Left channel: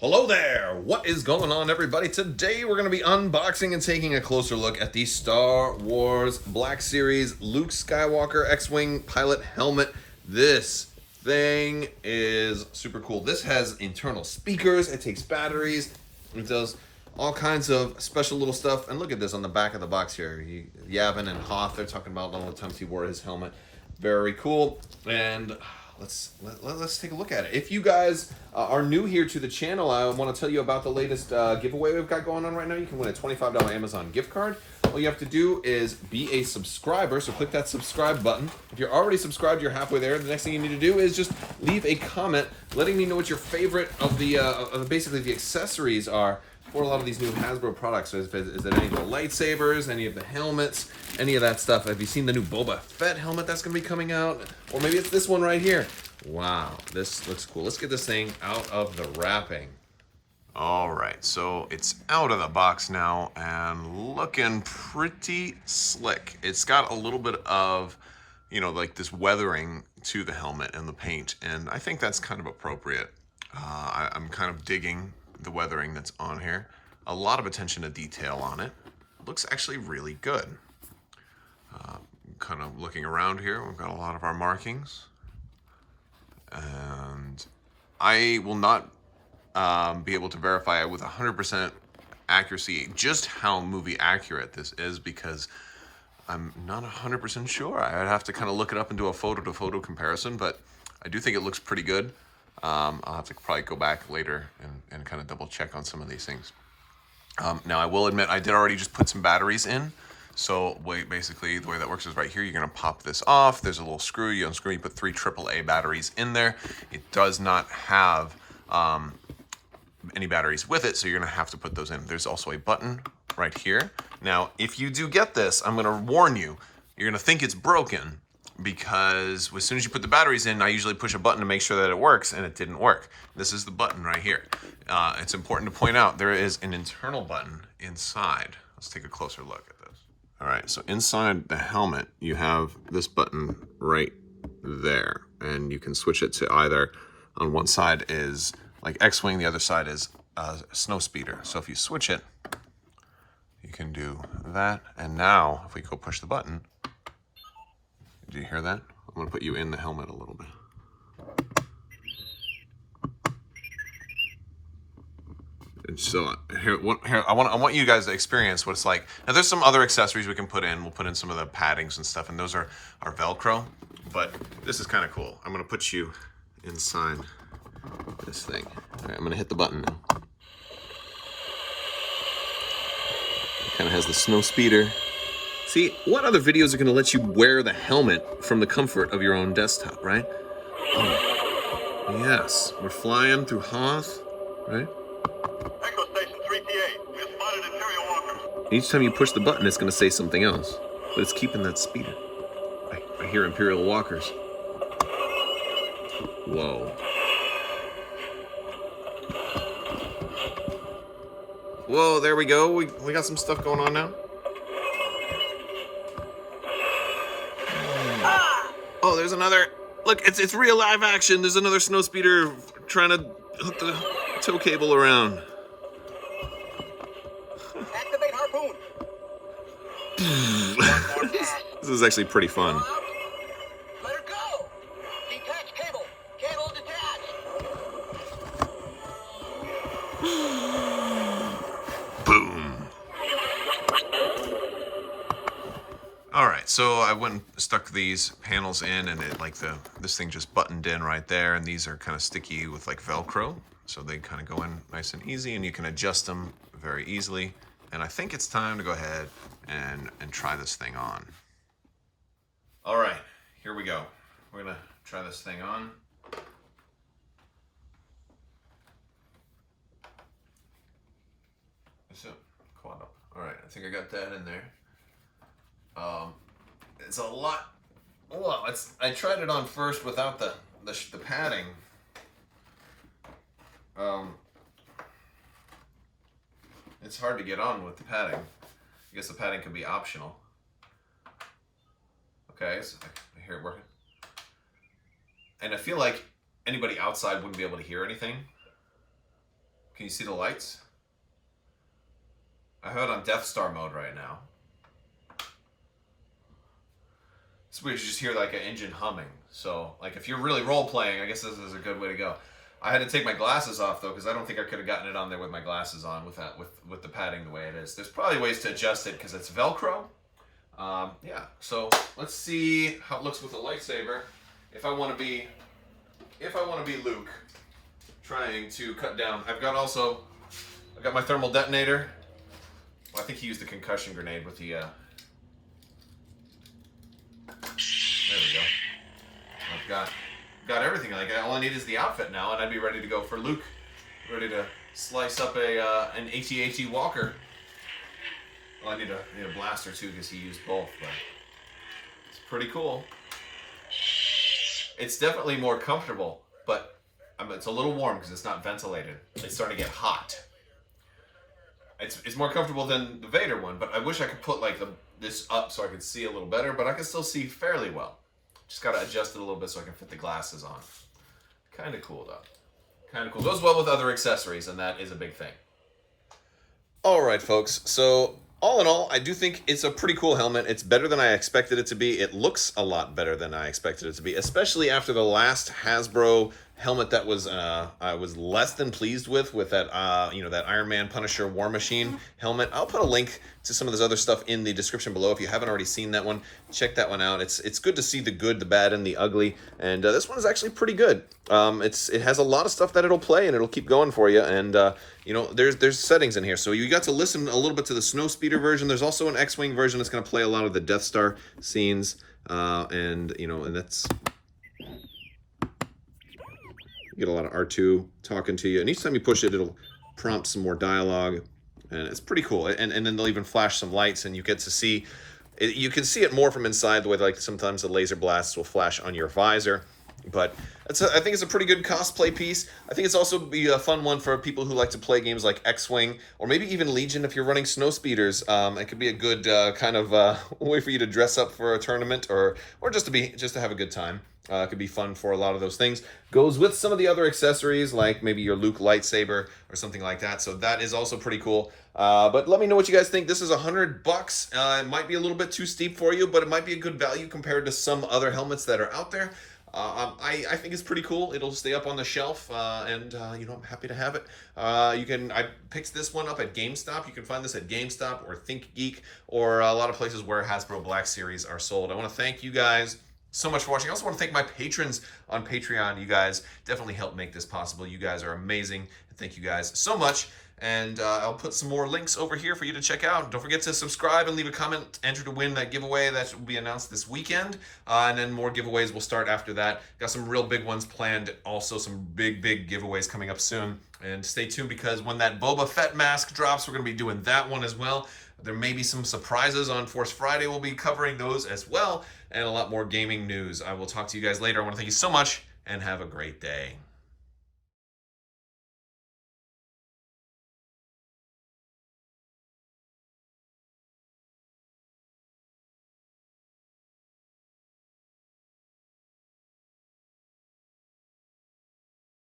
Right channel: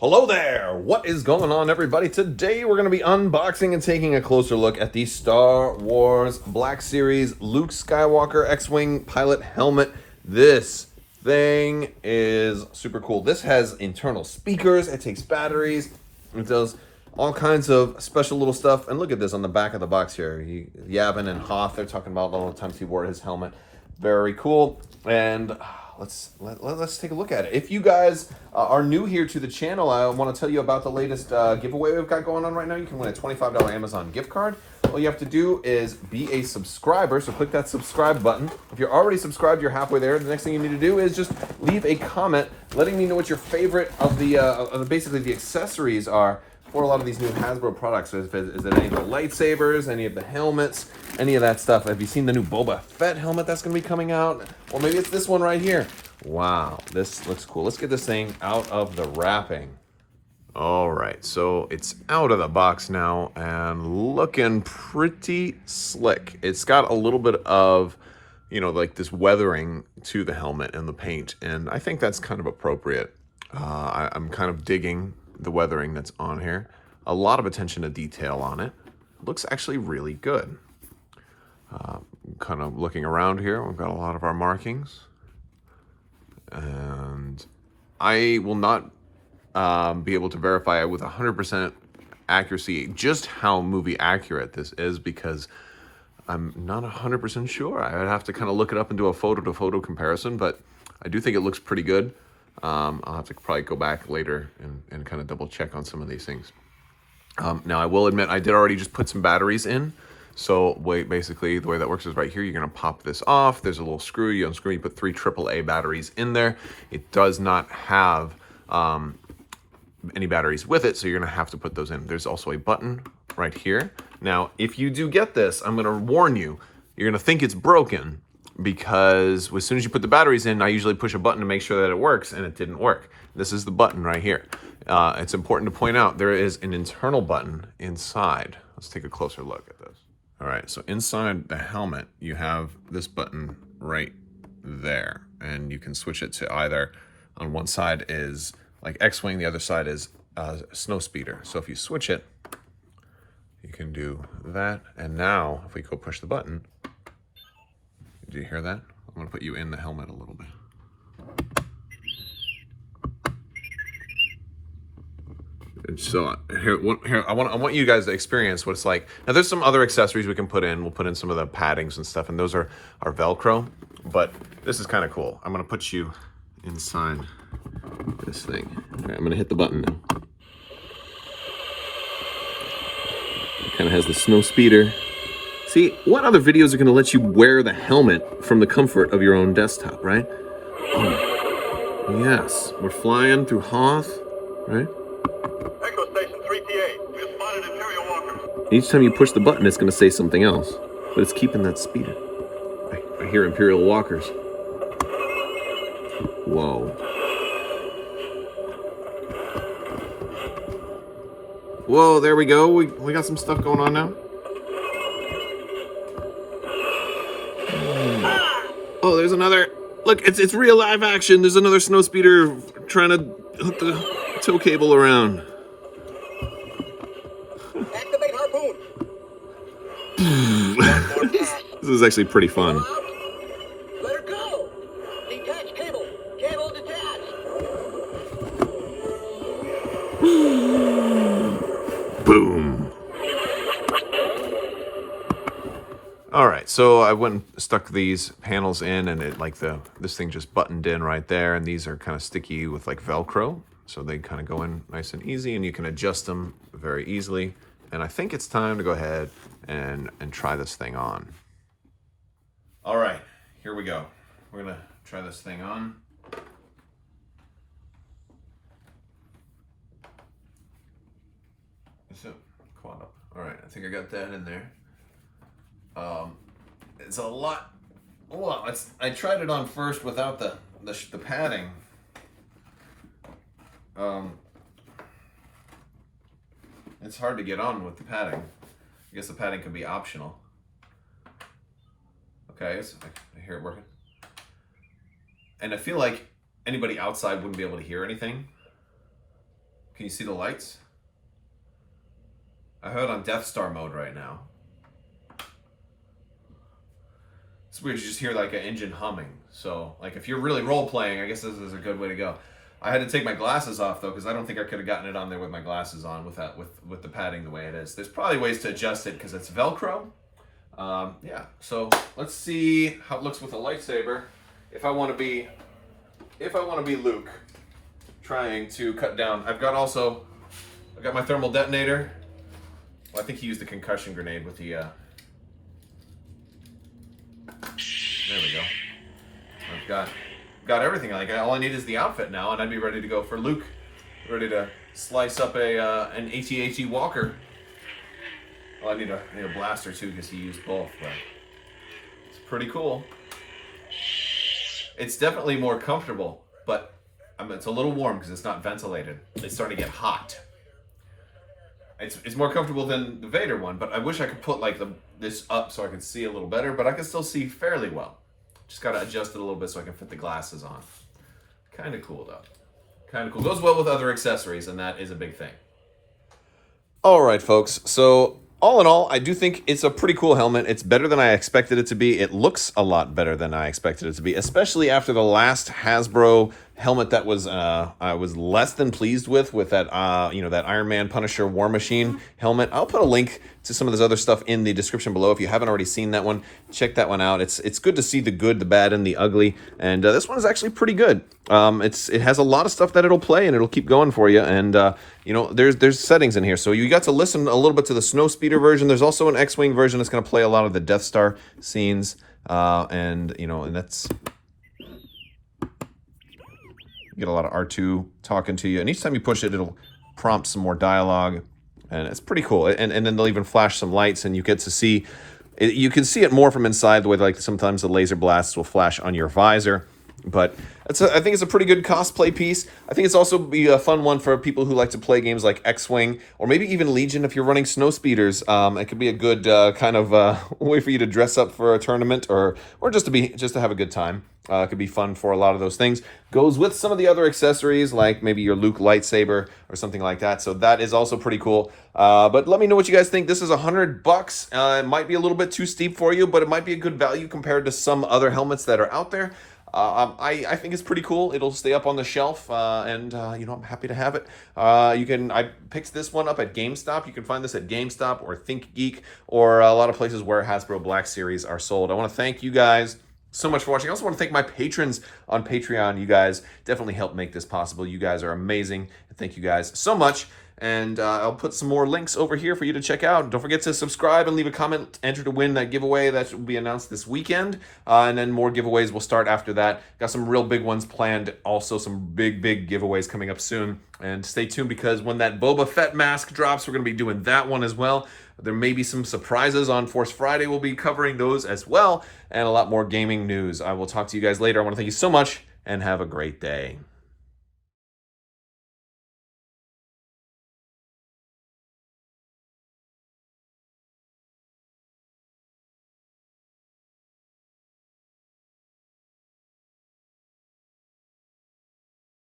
Hello there! What is going on, everybody? Today we're going to be unboxing and taking a closer look at the Star Wars Black Series Luke Skywalker X-Wing pilot helmet. This thing is super cool. This has internal speakers, it takes batteries, it does all kinds of special little stuff. And look at this on the back of the box here. Yavin and Hoth, they're talking about all the times he wore his helmet. Very cool. And let's take a look at it. If you guys are new here to the channel, I want to tell you about the latest giveaway we've got going on right now. You can win a $25 Amazon gift card. All you have to do is be a subscriber, so click that subscribe button. If you're already subscribed, you're halfway there. The next thing you need to do is just leave a comment letting me know what your favorite of the basically the accessories are for a lot of these new Hasbro products. Is it any of the lightsabers, any of the helmets, any of that stuff? Have you seen the new Boba Fett helmet that's going to be coming out? Or maybe it's this one right here. Wow, this looks cool. Let's get this thing out of the wrapping. All right, so it's out of the box now and looking pretty slick. It's got a little bit of, you know, like this weathering to the helmet and the paint, and I think that's kind of appropriate. I'm kind of digging the weathering that's on here. A lot of attention to detail on it. Looks actually really good. Kind of looking around here, we've got a lot of our markings. And I will not be able to verify with 100% accuracy just how movie accurate this is, because I'm not 100% sure. I would have to kind of look it up and do a photo-to-photo comparison, but I do think it looks pretty good. I'll have to probably go back later and kind of double check on some of these things. Now I will admit I did already just put some batteries in. So basically the way that works is right here, you're gonna pop this off. There's a little screw, you unscrew, you put 3 AAA batteries in there. It does not have any batteries with it, so you're gonna have to put those in. There's also a button right here. Now, if you do get this, I'm gonna warn you, you're gonna think it's broken, because as soon as you put the batteries in, I usually push a button to make sure that it works, and it didn't work. This is the button right here. It's important to point out there is an internal button inside. Let's take a closer look at this. All right, so inside the helmet, you have this button right there, and you can switch it to either, on one side is like X-Wing, the other side is Snow Speeder. So if you switch it, you can do that. And now, if we go push the button, do you hear that? I'm gonna put you in the helmet a little bit. And so here, I want you guys to experience what it's like. Now there's some other accessories we can put in. We'll put in some of the paddings and stuff, and those are Velcro, but this is kind of cool. I'm gonna put you inside this thing. All right, I'm gonna hit the button now. It kind of has the Snow Speeder. See, what other videos are going to let you wear the helmet from the comfort of your own desktop, right? Oh, yes. We're flying through Hoth, right? Echo Station 3PA. We have spotted Imperial walkers. Each time you push the button, it's going to say something else. But it's keeping that speeder. I hear Imperial walkers. Whoa. Whoa, there we go. We got some stuff going on now. Oh, there's another. Look, it's real live action. There's another Snow Speeder trying to hook the tow cable around. Activate harpoon. This is actually pretty fun. Let her go. Detach cable. Cable detached. Boom. All right, so I went and stuck these panels in, and it this thing just buttoned in right there, and these are kind of sticky with like Velcro, so they kind of go in nice and easy, and you can adjust them very easily. And I think it's time to go ahead and try this thing on. All right, here we go. We're gonna try this thing on. So, quad up. All right, I think I got that in there. It's a lot. Well, I tried it on first without the padding. It's hard to get on with the padding. I guess the padding could be optional. Okay, so I hear it working. And I feel like anybody outside wouldn't be able to hear anything. Can you see the lights? I have it on Death Star mode right now. It's weird, you just hear like an engine humming. So, like, if you're really role-playing, I guess this is a good way to go. I had to take my glasses off, though, because I don't think I could have gotten it on there with my glasses on with the padding the way it is. There's probably ways to adjust it because it's Velcro. Yeah, so let's see how it looks with a lightsaber. If I want to be Luke, trying to cut down. I've got my thermal detonator. Well, I think he used the concussion grenade with the. There we go. I've got everything. Like, all I need is the outfit now, and I'd be ready to go for Luke. Ready to slice up an AT-AT Walker. Well, I need a blaster too because he used both, but it's pretty cool. It's definitely more comfortable, but it's a little warm because it's not ventilated. It's starting to get hot. It's more comfortable than the Vader one, but I wish I could put like this up so I could see a little better, but I can still see fairly well. Just got to adjust it a little bit so I can fit the glasses on. Kind of cool though. Kind of cool. Goes well with other accessories, and that is a big thing. All right, folks. So all in all, I do think it's a pretty cool helmet. It's better than I expected it to be. It looks a lot better than I expected it to be, especially after the last Hasbro helmet that was I was less than pleased with that that Iron Man Punisher War Machine helmet. I'll put a link to some of this other stuff in the description below. If you haven't already seen that one, check that one out. It's good to see the good, the bad, and the ugly, and this one is actually pretty good. It has a lot of stuff that it'll play, and it'll keep going for you, and there's settings in here. So you got to listen a little bit to the Snowspeeder version. There's also an X-Wing version that's going to play a lot of the Death Star scenes, and that's... You get a lot of R2 talking to you, and each time you push it, it'll prompt some more dialogue, and it's pretty cool. And then they'll even flash some lights, and you get to see it. You can see it more from inside, the way like sometimes the laser blasts will flash on your visor. But I think it's a pretty good cosplay piece. I think it's also be a fun one for people who like to play games like X-Wing, or maybe even Legion if you're running snow speeders. It could be a good kind of way for you to dress up for a tournament, or just to have a good time. It could be fun for a lot of those things. Goes with some of the other accessories, like maybe your Luke lightsaber or something like that. So that is also pretty cool. But let me know what you guys think. This is $100. It might be a little bit too steep for you, but it might be a good value compared to some other helmets that are out there. I think it's pretty cool. It'll stay up on the shelf, and I'm happy to have it. I picked this one up at GameStop. You can find this at GameStop or ThinkGeek or a lot of places where Hasbro Black Series are sold. I want to thank you guys so much for watching. I also want to thank my patrons on Patreon. You guys definitely help make this possible. You guys are amazing. Thank you guys so much. And I'll put some more links over here for you to check out. Don't forget to subscribe and leave a comment. Enter to win that giveaway that will be announced this weekend. And then more giveaways will start after that. Got some real big ones planned. Also some big giveaways coming up soon. And stay tuned, because when that Boba Fett mask drops, we're going to be doing that one as well. There may be some surprises on Force Friday. We'll be covering those as well. And a lot more gaming news. I will talk to you guys later. I want to thank you so much, and have a great day.